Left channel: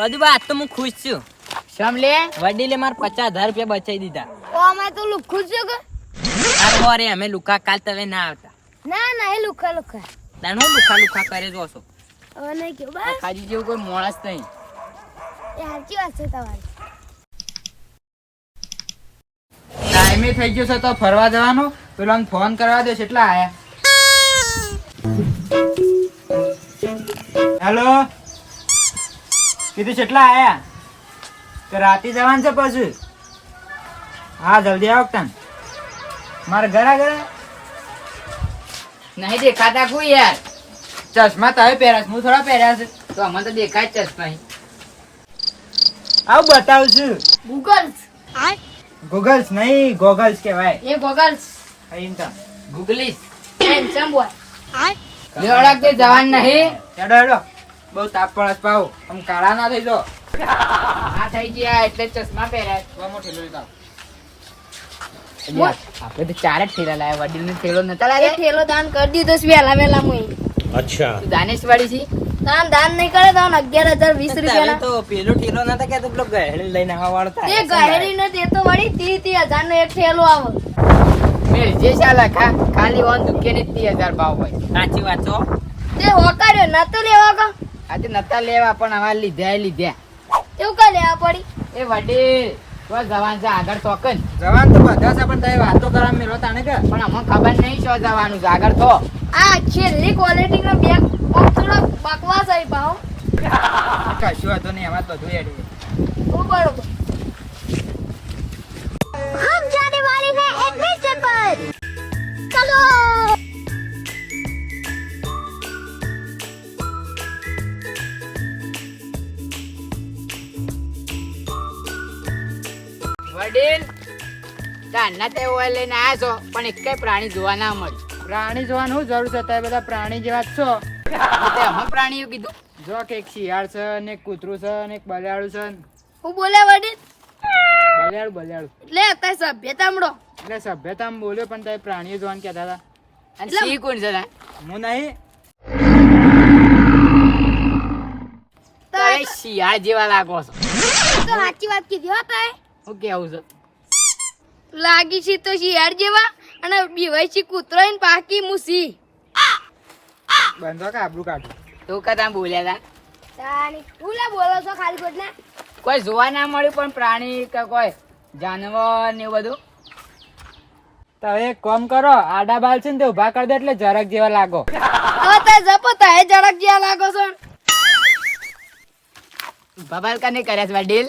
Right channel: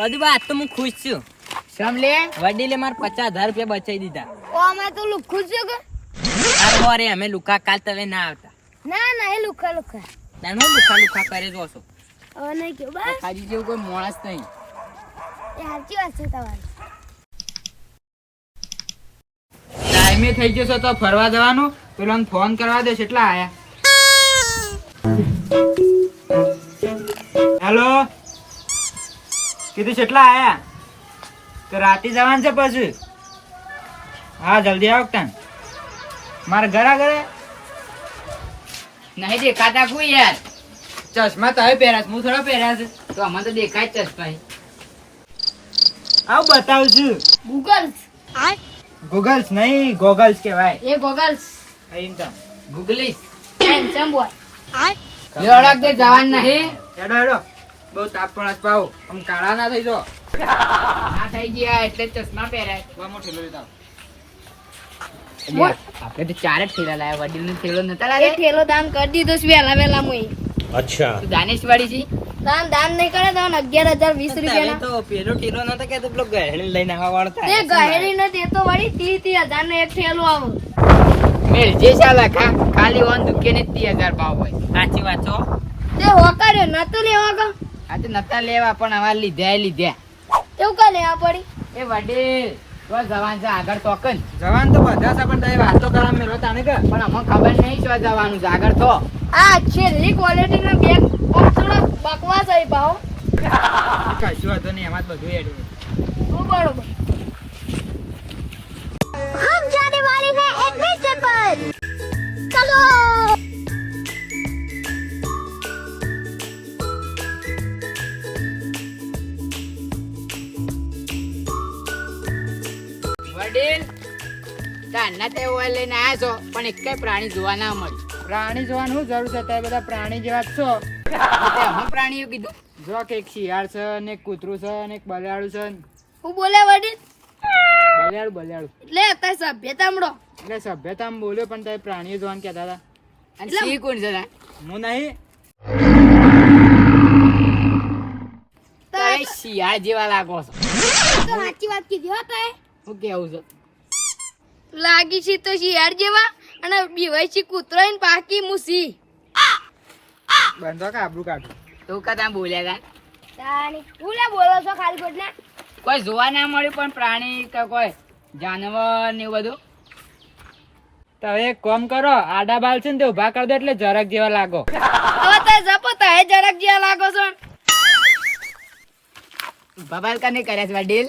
બધું વાત તો હું ખુશ છું. સમલે વડીલે મારે 50,000 રૂપિયા બચાવી દીધા. ઓ અમે તો લુખું છું કે અરે અમે લુકા કાલ તમે ના આવતા. ના એ લુખા તાણ હું લુખા કરે જો છો. હવે નહીં કેવું બસ ખાજી જેવું કોઈ માણસ નહીં. એ સાચી વાત છે તમારી. ટાઈમે થઈ જશે તો ફરવા જવાનું. પેલો આમ ફોન કરવા દે કેટલા આયા. હેલો કીધું કેટલા આયા તો રાતે જવાનું છે પછી. હા જલ્દી આવો તને મારા ઘરે નહીં દેખાતા કોઈ યાર. ચશ્મા તમે પહેર્યા છે, હું થોડા પહેર્યા છે. તો અમને તો દેખાય જ ચશ્મા. આવું બતાવું છું. ગૂગલ્સ નહીં ગોગલ્સ કહેવાય. એ ગોગલ્સ એમ તો ગુગલીશ હેન્ડસમ બોય. લેવડાક તે જવાન નહીં. હેડો હેડો બહુ તાપ પડે છે પાહુ. આમ કાળા ના થઈ જાઓ. ના થઈ ગયા એટલે ચશ્મા પહેરાય. બહુ ઠેલો લીધો. એટલે આપણે તો 4 જ ઠેલા લાયા. વડીલ નો ઠેલો નતા એ લાયા. ઠેલો દાન કરી દીધો છે વેલા મુઈ. તું દાનેશ વાળી છે. દાન નહીં કરે તો 11,020 રૂપિયા તો પેલો ટેલો નતા કે પેલો ગહેણી લઈને આવવા વાળો તે થાય. ગહેરી ને દેતો વળી 30,000 નો એક ઠેલો આવે. મેળ જે ચાલે ખાલી ઓન દુકે ને 30,000 ભાવ હોય. સાચી વાત છો. તે હોકાડ્યો નતો લેવા કા આજે નતા લેવા પણ હવે લીધા. એવું કા લેવા પડી. એ વડીલ તો જવાન છે આગળ તોકન. જવાન તો બધા છે પણ તમે વાતો કરવા મેળવો તાણે કે પણ અમને ખબર નહીં શું જવાનું છે આગળ તો. આ છેલ્લી ક્વોલિટી નો બેગ થોડા બકવાસ આવી પાહો. કશું વાંધો નહીં એમાં જ બધું એડી. બરોબર. हम जाने वाले हैं एक मिशन पर. चलो. વડીલ તારના તે ઓય લઈને આયા છો પણ એકેય પ્રાણી જોવા ના મળ્યું. પ્રાણી જોવાનું શું જરૂર છે? તમે બધા પ્રાણી જેવા જ છો. તે અમે પ્રાણીઓ કીધું. જો કે એક શિયાળ છે ને એક કૂતરું છે ને એક બલિયાળું છે. હું બોલે વડીલ બલિયાળું એટલે અત્યારે સભ્યતા મળો. એટલે સભ્યતામાં બોલ્યો પણ તમે પ્રાણીઓ જોવાનું કહેતા હતા. અને સિંહ કોણ છે તા? હું નહીં. તમે શિયાળ જેવા લાગો છો. તો સાચી વાત કીધી હો તાય. હું કેવું છે? લાગી છે તો શિયાળ જેવા અને બીવાય છે કૂતરો ને પાકી મુસી. બંધો કે આબરૂ કાઢું. તું કદા બોલ્યા તા? તાની હું લે બોલો છો ખાલી ખોટના. કોઈ જોવા ના મળ્યું પણ પ્રાણી કે કોઈ જાનવર ને એવું બધું. તમે એક કામ કરો આડા બાલ છે ને તે ઉભા કરી દો એટલે જરાક જેવા લાગો. હવે તાય જપો તાય જરાક જ્યાં લાગો છો. બબાલ કને કર્યા છે વડીલ?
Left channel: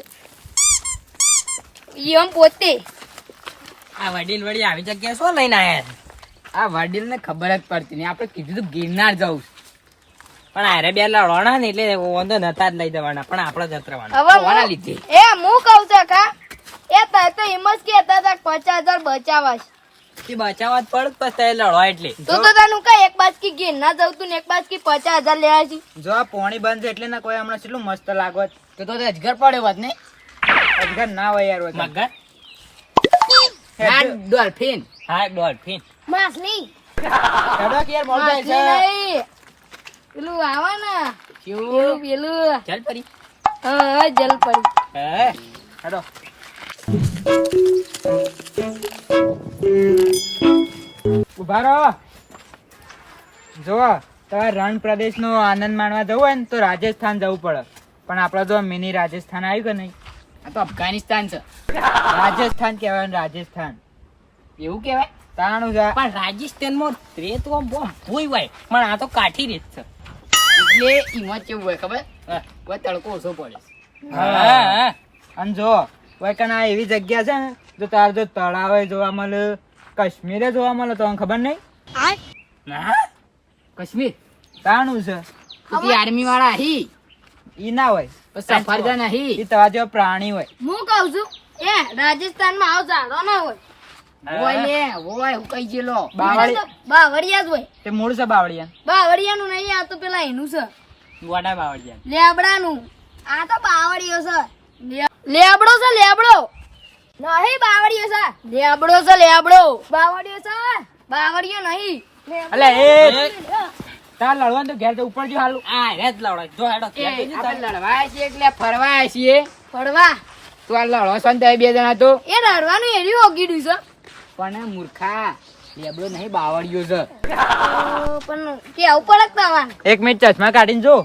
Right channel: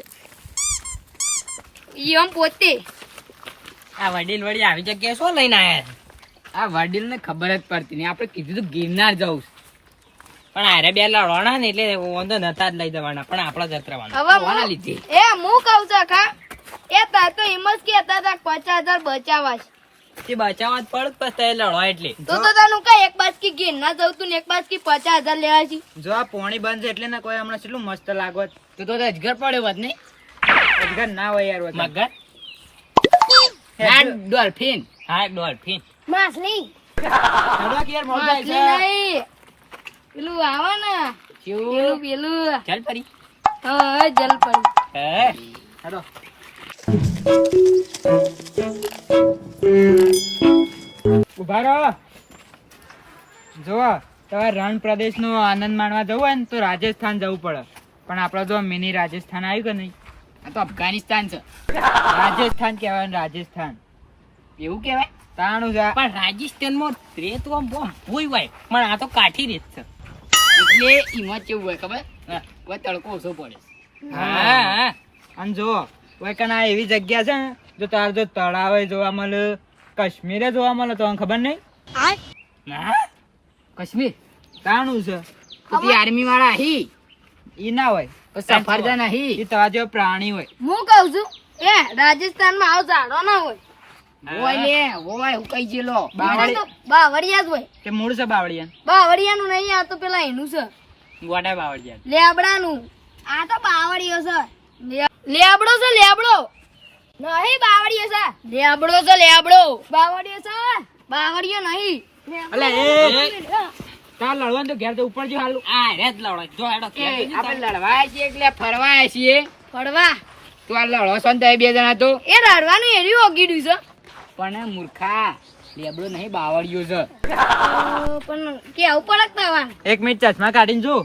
ઈ આમ પોતે આ વડીલ વડી આવી જગ્યાએ શું લઈને આયા છે? આ વડીલ ને ખબર જ પડતી નહીં. આપણે કીધું તું ગિરનાર જવું છે. પણ આરે બે લડવાના ને એટલે વાંધો નતા જ લઈ જવાના પણ આપડા જ જતરાવાના. હવે કોના લીધે? એ હું કહું છું ખા એ તો એમ જ કહેતા હતા 50,000 બચાવવા છે. તે બચાવવા જ પડે પછી તે લડવા એટલે. તું તો તને કઈ એક બાજકી ગીર ના જવું તું ને એક બાજકી 50,000 લેવા છે. જો આ પોણી બંધ છે એટલે ના કોઈ હમણાં કેટલું મસ્ત લાગો. તું તો અજગર પડ્યો હોત ને? અજગર ના હોય યાર હોય તો. મગર ના ડોલ્ફિન. હા ડોલ્ફિન. માછલી હેડો કે યાર મોડું થાય માછલી છે. નહીં પેલું આવે ને કેવું? પેલું ચાલ પરી. હા જલ પડી. હે હેડો ઉભા રહો. જો તમારે રણ પ્રદેશ નો આનંદ માણવા જવું હોય ને તો રાજસ્થાન જવું પડે. પણ આપડે જો મિની રાજસ્થાન આવ્યું કે નહીં? આ તો અફઘાનિસ્તાન છે. રાજસ્થાન કહેવાય ને રાજસ્થાન. એવું કેવાય? તાણું છે. પણ રાજસ્થાનમાં રેત આમ બહુ ભૂઈ હોય પણ આ તો કાઠી રેત છે. એટલે ઈમાં કેવું હોય ખબર? કોઈ તડકો ઓછો પડે. હા અને જો વૈકન આ એવી જગ્યા છે ને જો તાર જો તળાવે જોવા મળે, કાશ્મીરે જોવા મળે તો ખબર નહીં. હા કાશ્મીર તાણું છે. તું આર્મી વાળા હી ઈ ના હોય. સફરજન હી. ઈ તમારા જેવા પ્રાણી હોય. હું કહું છું એ રાજસ્થાન માં આવ ઝાડો ના હોય. હોય ને હોય હું કઈ જેલો. બાવળિયા જ હોય. તે મૂળ છે બાવળિયા. બાવળિયાનું નહીં આ તો પેલા એનું છે ગોડા બાવળિયા. લેબડાનું. આ તો બાવળિયો છે. લેબડો છે લેબડો નહીં બાવળિયો છે. લેબડો છે લેબડો. બાવળિયો છે બાવળિયો નહીં. અલે એ તાર લડવાનું તો ઘેર તો ઉપર જો હાલું. આ રે જ લડો જો હેડો એ આપણે લડવા છીએ એટલે ફરવા છીએ. ફરવા તું આ લડો છો ને તમે બે જણા તો. એ રડવાનું એર્યું ઓગીડ્યું છે. પણ મૂર્ખા લેબડો નહીં બાવળિયો છે. પણ કેવું પડે તવાને. 1 મિનિટ ચશ્મા કાઢીને જો.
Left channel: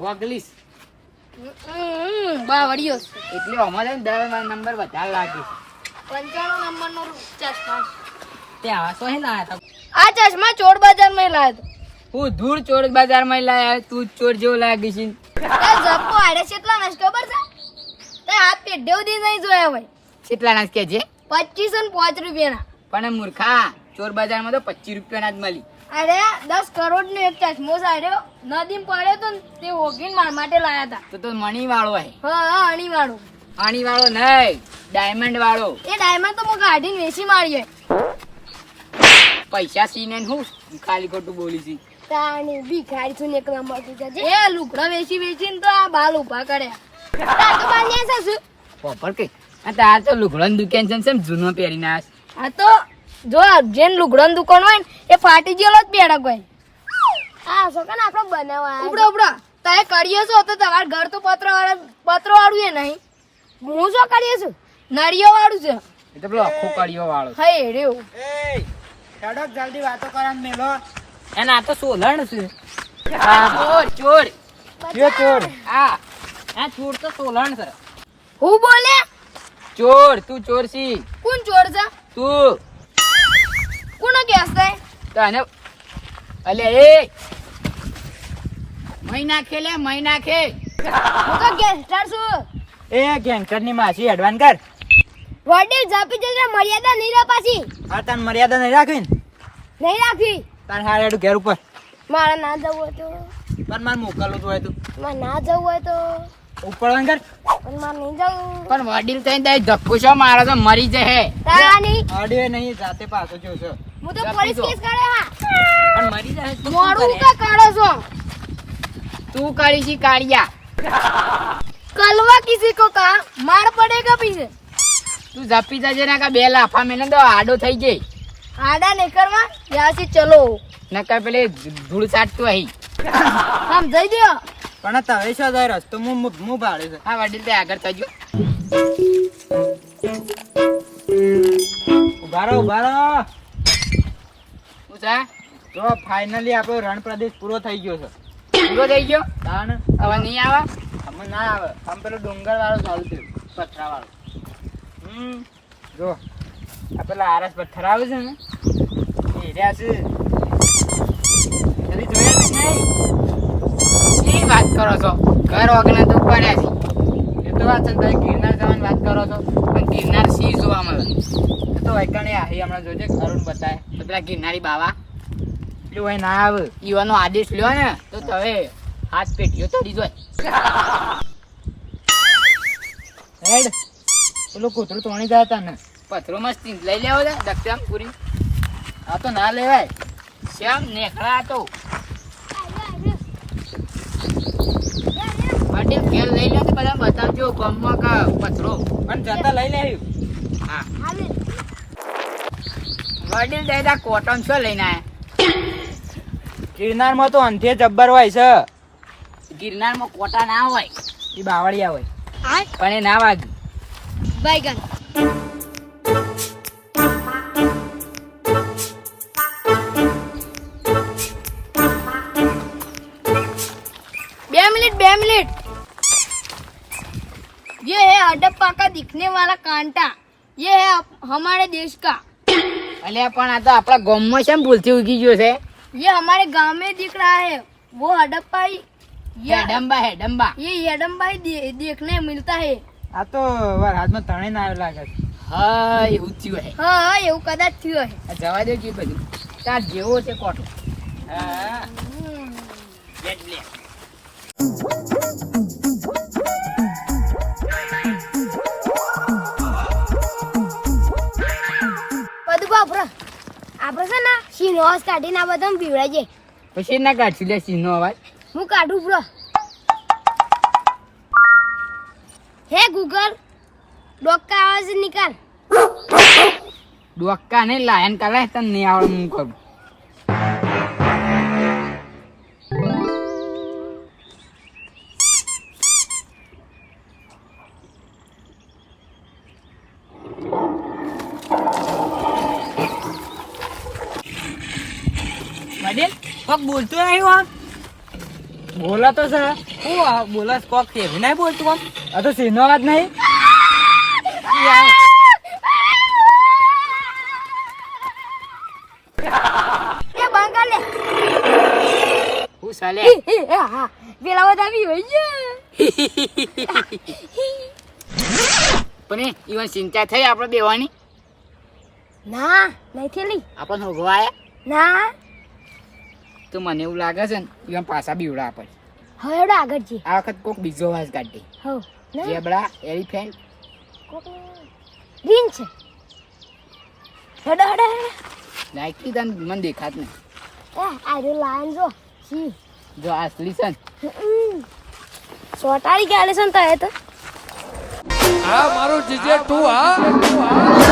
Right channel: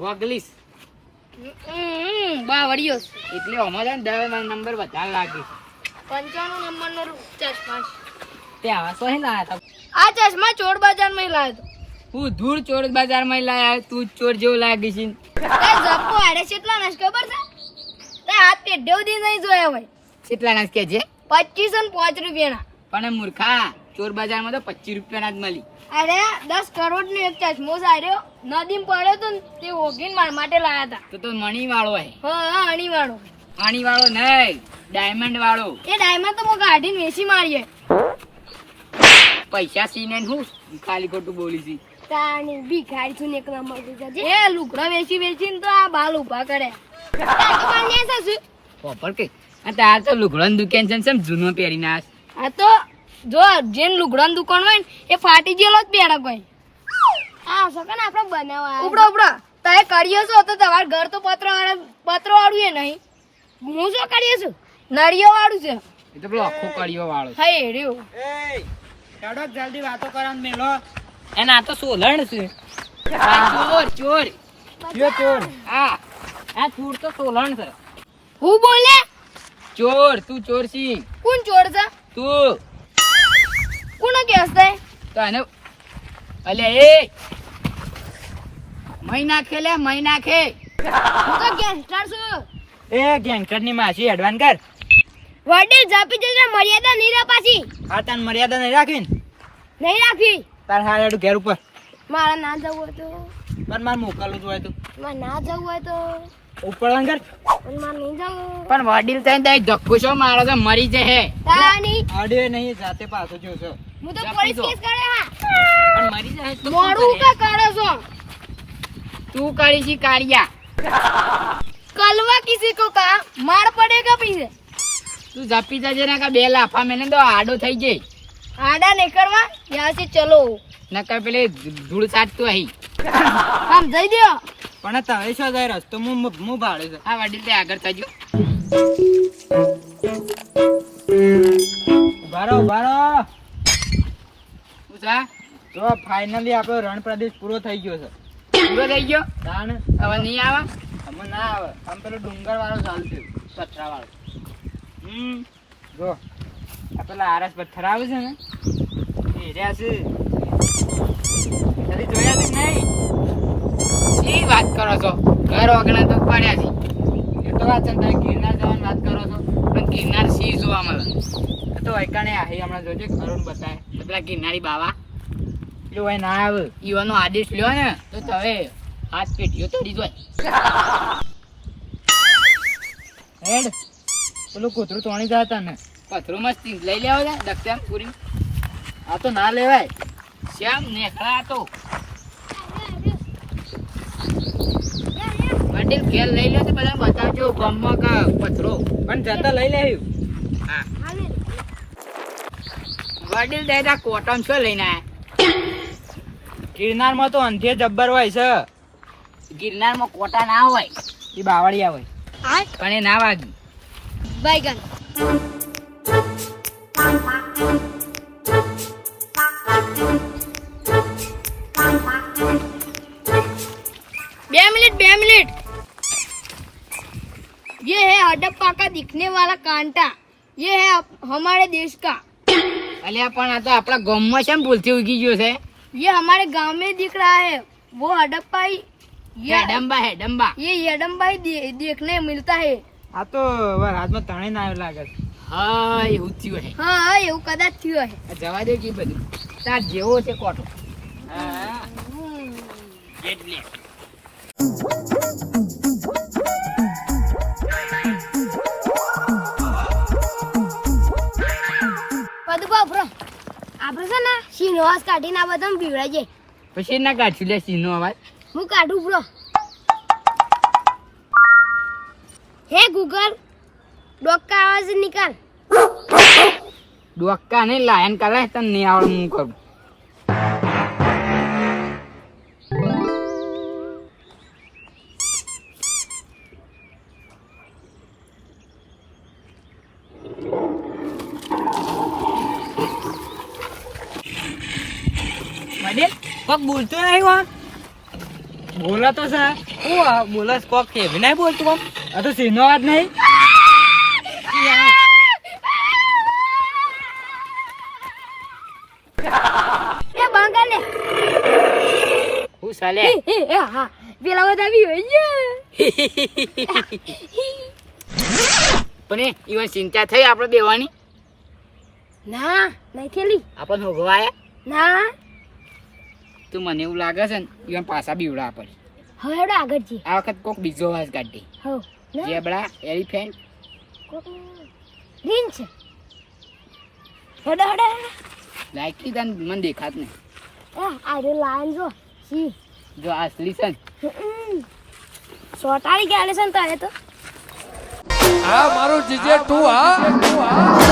ગોગલીસ બાવળિયો છે. એટલે અમારે છે ને 10 નંબર વધારે લાગે. 95 નંબરનો ચશ્મા છે. તે આવા સો હે લાયા તા આ ચશ્મા ચોર બજારમાં લાવ્યો હતો. હું ધૂળ ચોર બજારમાં લાયા તું જ ચોર જેવો લાગે છે. તાર જપ્પો આડે કેટલા નાશ ખબર છે? તે હાથ પેઢે સુધી નહીં જોયા હોય. કેટલા ના કે છે? 25 અને 5 રૂપિયાના. પણ મૂર્ખા ચોર બજારમાં તો 25 રૂપિયાના જ મળી. અરે 10 કરોડ નો એક ચશ્મો સાર્યો નદીમાં પડ્યો તો ને તે ઓગીને માર માટે લાયા હતા. તો મણી વાળો હે. હા અણી વાળો. પાણી વાળો નહીં, ડાયમંડ વાળો. એ ડાયમંડ તો હું કાઢીને વેચી મારીએ. પૈસા સીને હું ખાલી ખોટું બોલી છી. તાણી ભિખારી છું ને એક નંબર થી એ લુગડો વેચી વેચીને તો આ બાલ ઉભા કર્યા. તાર તો બાલ ન્યા છે શું? પોપર કે આ તાર તો લુગડાની દુકાન છે ને સેમ જૂનો પહેરીને આસ. આ તો જો જેન લુગડાની દુકાન હોય ને એ ફાટી ગયેલો જ બેડક હોય. આ સોકન આપણો બનાવવા ઉપડો ઉપડો તારે કર્યો છો તો તમાર ઘર તો પત્ર વાળું એ નહીં. હું શું કર્યો છું નરિયો વાળું છે. એ તો પેલો આખો કડિયો વાળો. હા એ રહ્યો. એ હેડો જલ્દી વાતો કરવાનું મેલો. એને આ તો સોલણ છે ચોર ચોર જે ચોર. આ આ ચોર તો સોલણ છે હું બોલે ચોર તું ચોર છી. કોણ ચોર છે? તું કોનો કેસ થાય? તને અલે એ મહી નાખે લે મહી નાખે. હું તો ગેંગસ્ટર છું. એ ગેંગસ્ટર ની માસી એડવાન કર. વડીલ ઝાપી જશે મર્યાદા નહીં રહે પાછી. આ તાન મર્યાદા નહીં રાખી ને નહીં રાખી. તાર હાર હેડું ઘેર ઉપર. મારે ના જવું હોય તો પણ મારે મોકલવું હોય તો મારે ના જવું હોય તો ઉપર કર. પણ મારે નહીં જવું. પણ વડીલ થઈને દઈ ધક્કો છો મારો તો મરી જશે. તારાની અડે નહીં જાતે પાછો જોશો. હું તો પોલીસ કેસ કરે હા. પણ મરી જશે તું શું મોડું કરે? કા કાઢો છો? તું કરી છી કાળિયા. કલવા કિસી કો કા માર પડેગા પીછે. તું ઝપી જજે ને કે બે લાફા મેને તો આડો થઈ ગઈ. આડા નહીં કરવા યહાં સે ચલો. નકર પેલે ધૂળ સાટતું અહીં. આમ જઈ દ્યો. પણ તારે શું જાય રસ્તો હું ભાડે છે. હા વડીલ તે આગળ થજો. ઉભા રહો ઉભા રહો. શું છે? તો ફાઇનલી આપણો રણ પ્રદેશ પૂરો થઈ ગયો છે. પૂરો થઈ ગયો તાણ હવે નહીં આવે. અમે ના આવે આમ પેલો ડુંગર વાળો ચાલતું પથરા વાળો. જો આ પેલા આરસ પથ્થર આવે છે ને એ રહ્યા છે. કદી જોયા છે નહીં? શી વાત કરો છો? ઘર વગરના તો પડ્યા છે. એ તો વાત છે ને, તમે ગિરનાર જવાની વાત કરો છો. પણ ગિરનાર સિંહ જોવા મળે. એ તો વૈકાણે આહી હમણાં જોજે અરુણ બતાય. તો પેલા ગિરનારી બાવા પેલું હોય ના આવે. ઈવાનો આદેશ લ્યો ને તો તમે હાથ પેટીઓ તોડી જોય. હેડ પેલું કૂતરું તોણી જતા ને પથરો મસ્તી લઈ લેવો છે દક્ષમ પૂરી. આ તો ના લેવાય. શ્યામ નેખડા તો વડીલ ઘેર લઈ લો તો બધા બતાવજો ગામમાં કા પથરો. પણ જતા લઈ લેવું. હા વડીલ દાદા કોટન શું લઈને આયા? ગિરનારમાં તો અંધે જબ્બર હોય છે. ગિરનારમાં કોટા ના હોય એ બાવળિયા હોય. પણ એ ના વાગ્યું. बैगन बे मिनट ये है हडप्पा का दिखने वाला कांटा. ये है हमारे देश का. અલ્યા પણ આ તો આપણા ગામમાં છે ને ભૂલથી ઉગી ગયો છે. ये हमारे गांव में दिख रहा है. वो हडप्पा ही હેડમ્બા હેડમ્બા. ये हडम्बा ही देखने मिलता है. આ તો હાથમાં તણે ના આવ્યો લાગે છે. હા એવું જ થયું હે. हाँ हाँ એવું કદાચ થયું હે. આ જવા દે છે બધું તાર જેવો છે કોટો. હા એટલે બધું બાપરા આપણે છે ને સિનોસ કાઢીને આ બધા પીવડાઈ જાય. પછી ના કાઢશું લે સિંહનો અવાજ. હું કાઢું બ્રો. હે ગૂગલ ડોક का आवाज निकाल. ડોક્કા ને લાયન કરે તને નહીં આવડે હું કરું. કોક બોલતો નહીં કોણ બોલા તો સર હું બોલસ કોક કેવી નહીં બોલતું કોમ આ તો સિંહનો અવાજ નહીં. એ બંગાળ લે હું ચાલે હા પેલા બધા આવી હોય છે. પણ ઈવન ચિંતા થઈ આપણે બેવાની ના નહીં થેલી આપણને હોગવાયા ના તો મને એવું લાગે છે ને ઈવન પાછા બીવડા આપણે હવે એવડે આગળ જઈએ આ વખત કોક બીજો વાસ કાઢી હો ના જેબડા એલિફેન્ટ કોક રીન છે હેડો હેડો હેડો લાઈકી તને મને દેખાત નહીં આ જો લાયન જો સી જો આ અસલી છે ને સોટાડી ગયા છે ને તો એ તો હા મારું જીજે તું હા